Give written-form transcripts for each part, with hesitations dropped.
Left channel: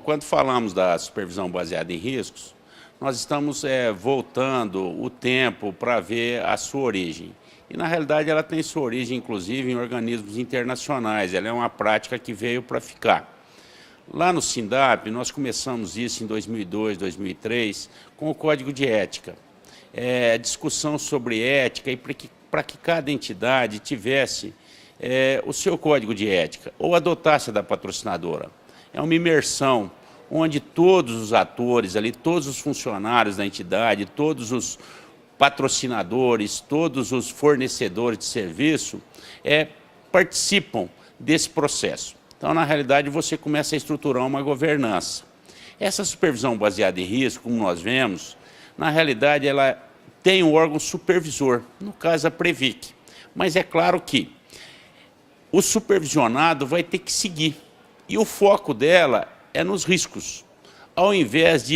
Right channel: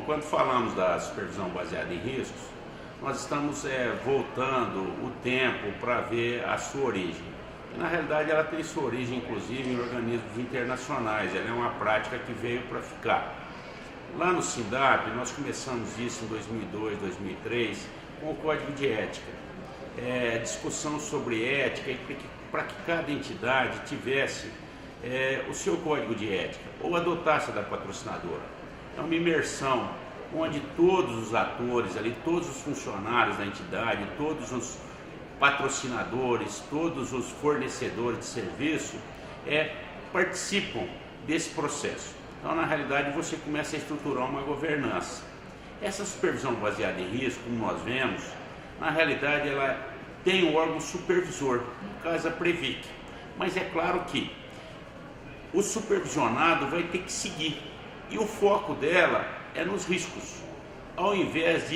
Bom, quando falamos da supervisão baseada em riscos, nós estamos voltando o tempo para ver a sua origem. E, na realidade, ela tem sua origem, inclusive, em organismos internacionais. Ela é uma prática que veio para ficar. Lá no SINDAP, nós começamos isso em 2002, 2003, com o Código de Ética. Discussão sobre ética e para que cada entidade tivesse o seu código de ética, ou adotasse a da patrocinadora. É uma imersão onde todos os atores ali, todos os funcionários da entidade, todos os patrocinadores, todos os fornecedores de serviço participam desse processo. Então, na realidade, você começa a estruturar uma governança. Essa supervisão baseada em risco, como nós vemos, na realidade, ela tem um órgão supervisor, no caso a Previc. Mas é claro que o supervisionado vai ter que seguir. E o foco dela é nos riscos, ao invés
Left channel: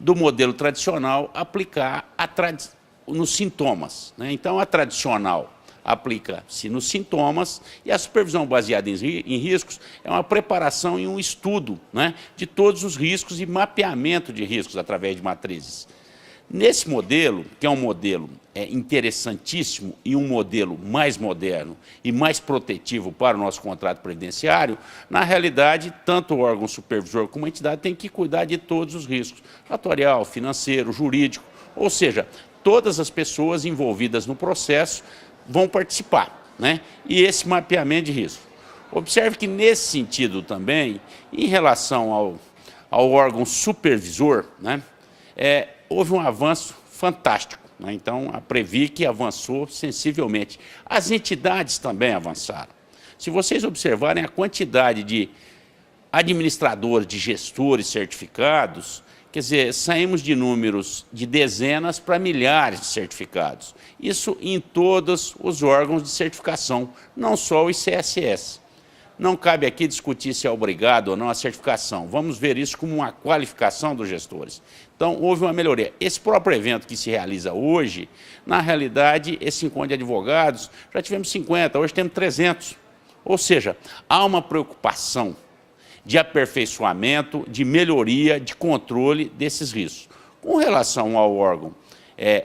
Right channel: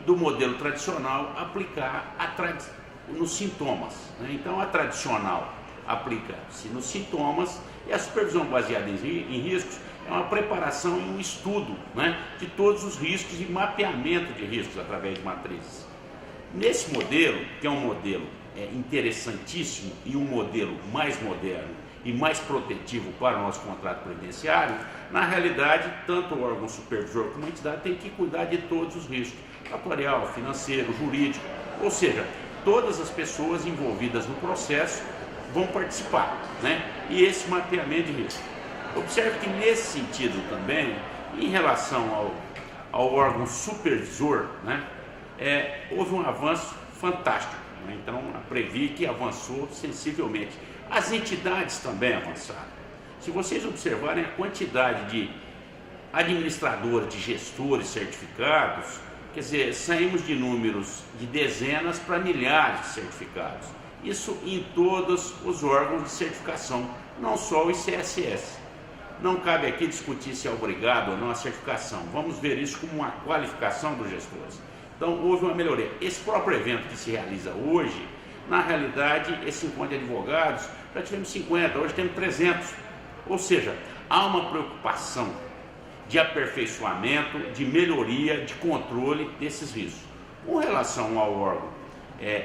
do modelo tradicional aplicar nos sintomas, né? Então, a tradicional aplica-se nos sintomas e a supervisão baseada em riscos é uma preparação e um estudo, né, de todos os riscos e mapeamento de riscos através de matrizes. Nesse modelo, que é um modelo interessantíssimo e um modelo mais moderno e mais protetivo para o nosso contrato previdenciário, na realidade, tanto o órgão supervisor como a entidade tem que cuidar de todos os riscos, atuarial, financeiro, jurídico, ou seja, todas as pessoas envolvidas no processo vão participar, né? E esse mapeamento de risco. Observe que, nesse sentido também, em relação ao órgão supervisor, né, houve um avanço fantástico, né? Então, a Previc avançou sensivelmente. As entidades também avançaram. Se vocês observarem a quantidade de administradores, de gestores certificados, quer dizer, saímos de números de dezenas para milhares de certificados. Isso em todos os órgãos de certificação, não só o ICSS. Não cabe aqui discutir se é obrigado ou não a certificação. Vamos ver isso como uma qualificação dos gestores. Então, houve uma melhoria. Esse próprio evento que se realiza hoje, na realidade, esse encontro de advogados, já tivemos 50, hoje temos 300. Ou seja, há uma preocupação de aperfeiçoamento, de melhoria, de controle desses riscos. Com relação ao órgão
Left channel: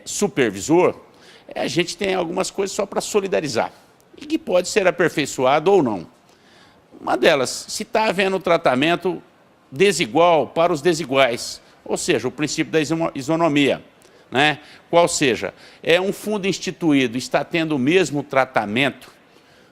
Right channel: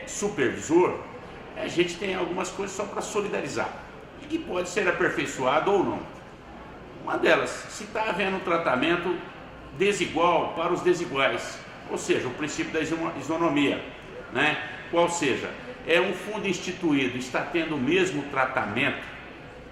supervisor, a gente tem algumas coisas só para solidarizar, e que pode ser aperfeiçoado ou não. Uma delas, se está havendo tratamento desigual para os desiguais, ou seja, o princípio da isonomia, né? Qual seja, um fundo instituído está tendo o mesmo tratamento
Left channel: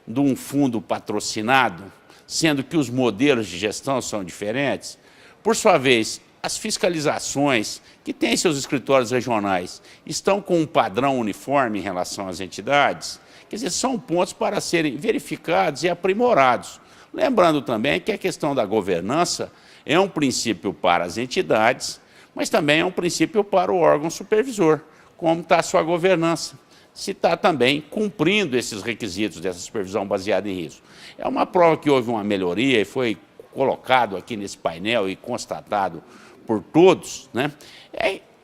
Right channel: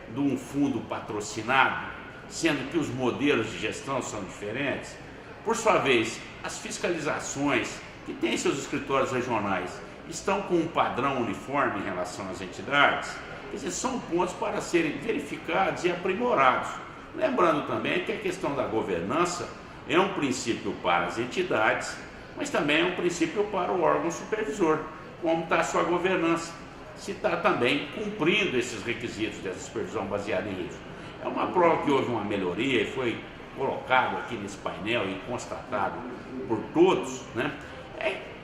de um fundo patrocinado, sendo que os modelos de gestão são diferentes. Por sua vez, as fiscalizações que têm seus escritórios regionais estão com um padrão uniforme em relação às entidades, quer dizer, são pontos para serem verificados e aprimorados. Lembrando também que a questão da governança é um princípio para as entidades, mas também é um princípio para o órgão supervisor. Como está a sua governança? Se está também cumprindo esses requisitos dessa supervisão baseada em risco. É uma prova que houve uma melhoria e foi colocado aqui nesse painel e constatado por todos, né?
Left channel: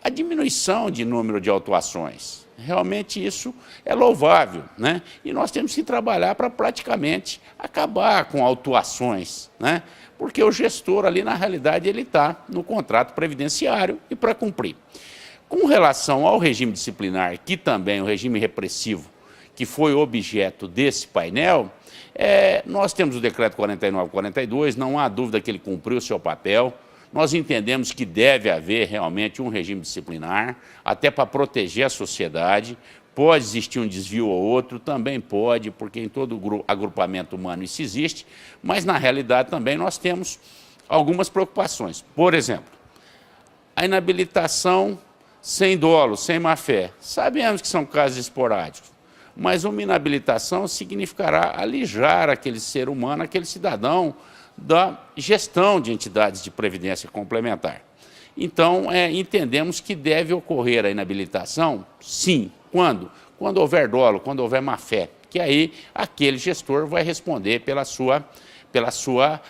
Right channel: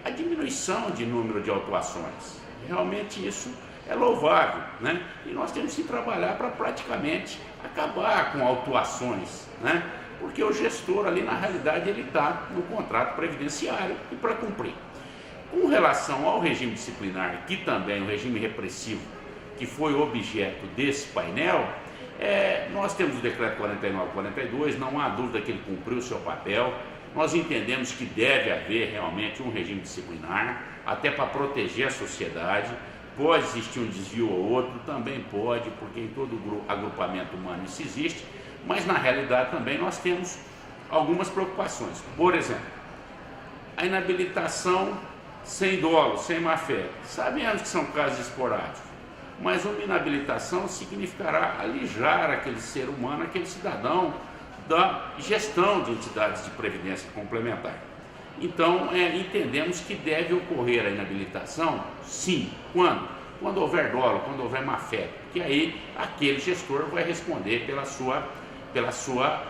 A diminuição de número de autuações. Realmente isso é louvável, né? E nós temos que trabalhar para praticamente acabar com autuações, né? Porque o gestor ali, na realidade, ele está no contrato previdenciário e para cumprir. Com relação ao regime disciplinar, que também o regime repressivo, que foi objeto desse painel, nós temos o decreto 49/42, não há dúvida que ele cumpriu o seu papel. Nós entendemos que deve haver realmente um regime disciplinar, até para proteger a sociedade. Pode existir um desvio ou outro, também pode, porque em todo agrupamento humano isso existe, mas na realidade também nós temos algumas preocupações. Por exemplo, a inabilitação sem dolo, sem má-fé. Sabemos que são casos esporádicos, mas uma inabilitação significará alijar aquele ser humano, aquele cidadão, da gestão de entidades de previdência complementar. Então, entendemos que deve ocorrer a inabilitação, sim. Quando? Quando houver dolo, quando houver má-fé, que aí aquele gestor vai responder pela sua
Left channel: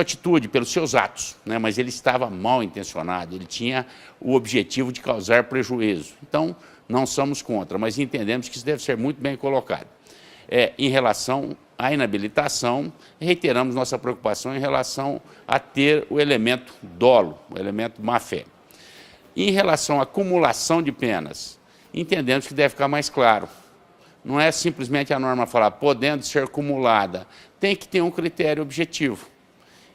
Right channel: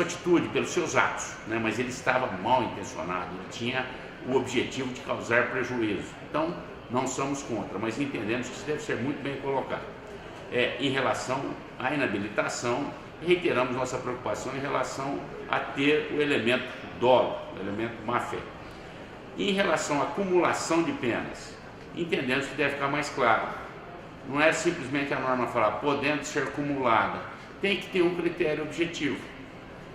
atitude, pelos seus atos, né? Mas ele estava mal intencionado, ele tinha o objetivo de causar prejuízo. Então, não somos contra, mas entendemos que isso deve ser muito bem colocado. Em relação à inabilitação, reiteramos nossa preocupação em relação a ter o elemento dolo, o elemento má-fé. Em relação à acumulação de penas, entendemos que deve ficar mais claro. Não é simplesmente a norma falar podendo ser acumulada, tem que ter um critério objetivo.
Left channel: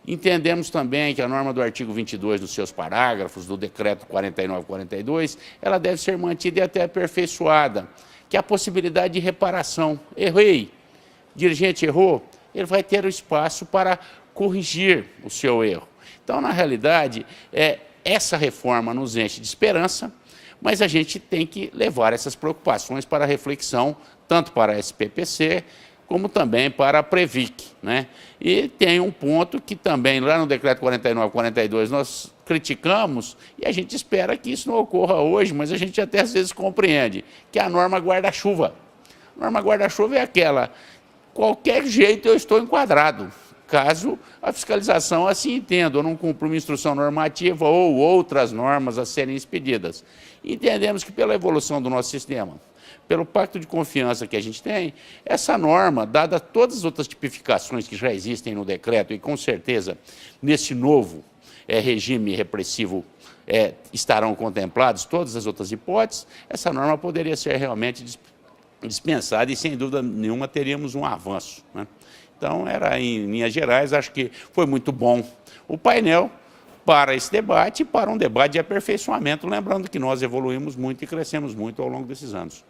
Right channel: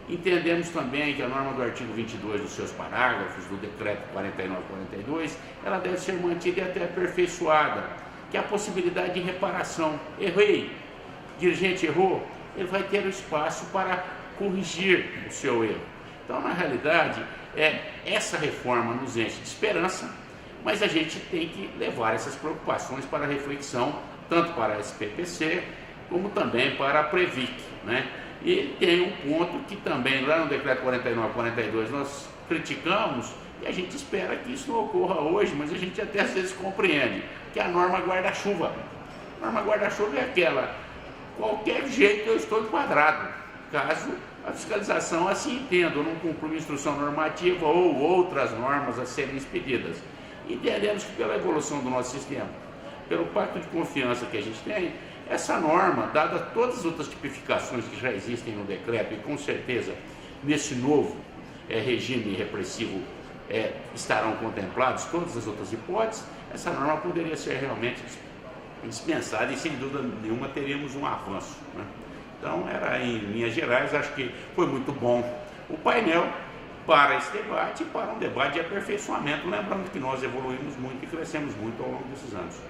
Entendemos também que a norma do artigo 22 dos seus parágrafos, do decreto 49/42, ela deve ser mantida e até aperfeiçoada, que é a possibilidade de reparação. Errei, dirigente errou, ele vai ter o espaço para corrigir o seu erro. Então, na realidade, essa reforma nos enche de esperança, mas a gente tem que levar essas preocupações para reflexão, tanto para a SPPC, como também para a Previc, né? E tem um ponto que também, lá no decreto 49/42, nós criticamos e a gente espera que isso não ocorra hoje, mas a gente até às vezes compreende, que é a norma guarda-chuva. A norma guarda-chuva é aquela, qualquer jeito eu estou enquadrado, caso a fiscalização assim entenda, ou não cumpra uma instrução normativa ou outras normas a serem expedidas. Entendemos que pela evolução do nosso sistema, pelo pacto de confiança que a gente tem, essa norma, dada todas as outras tipificações que já existem no decreto e com certeza nesse novo regime repressivo estarão contemplados todas as outras hipóteses, essa norma poderia ser realmente dispensada e sem dúvida nenhuma teríamos um avanço, né? Então era em linhas gerais, acho que foi muito bom o painel para esse debate e para um debate de aperfeiçoamento, lembrando que nós evoluímos muito e crescemos muito ao longo desses anos.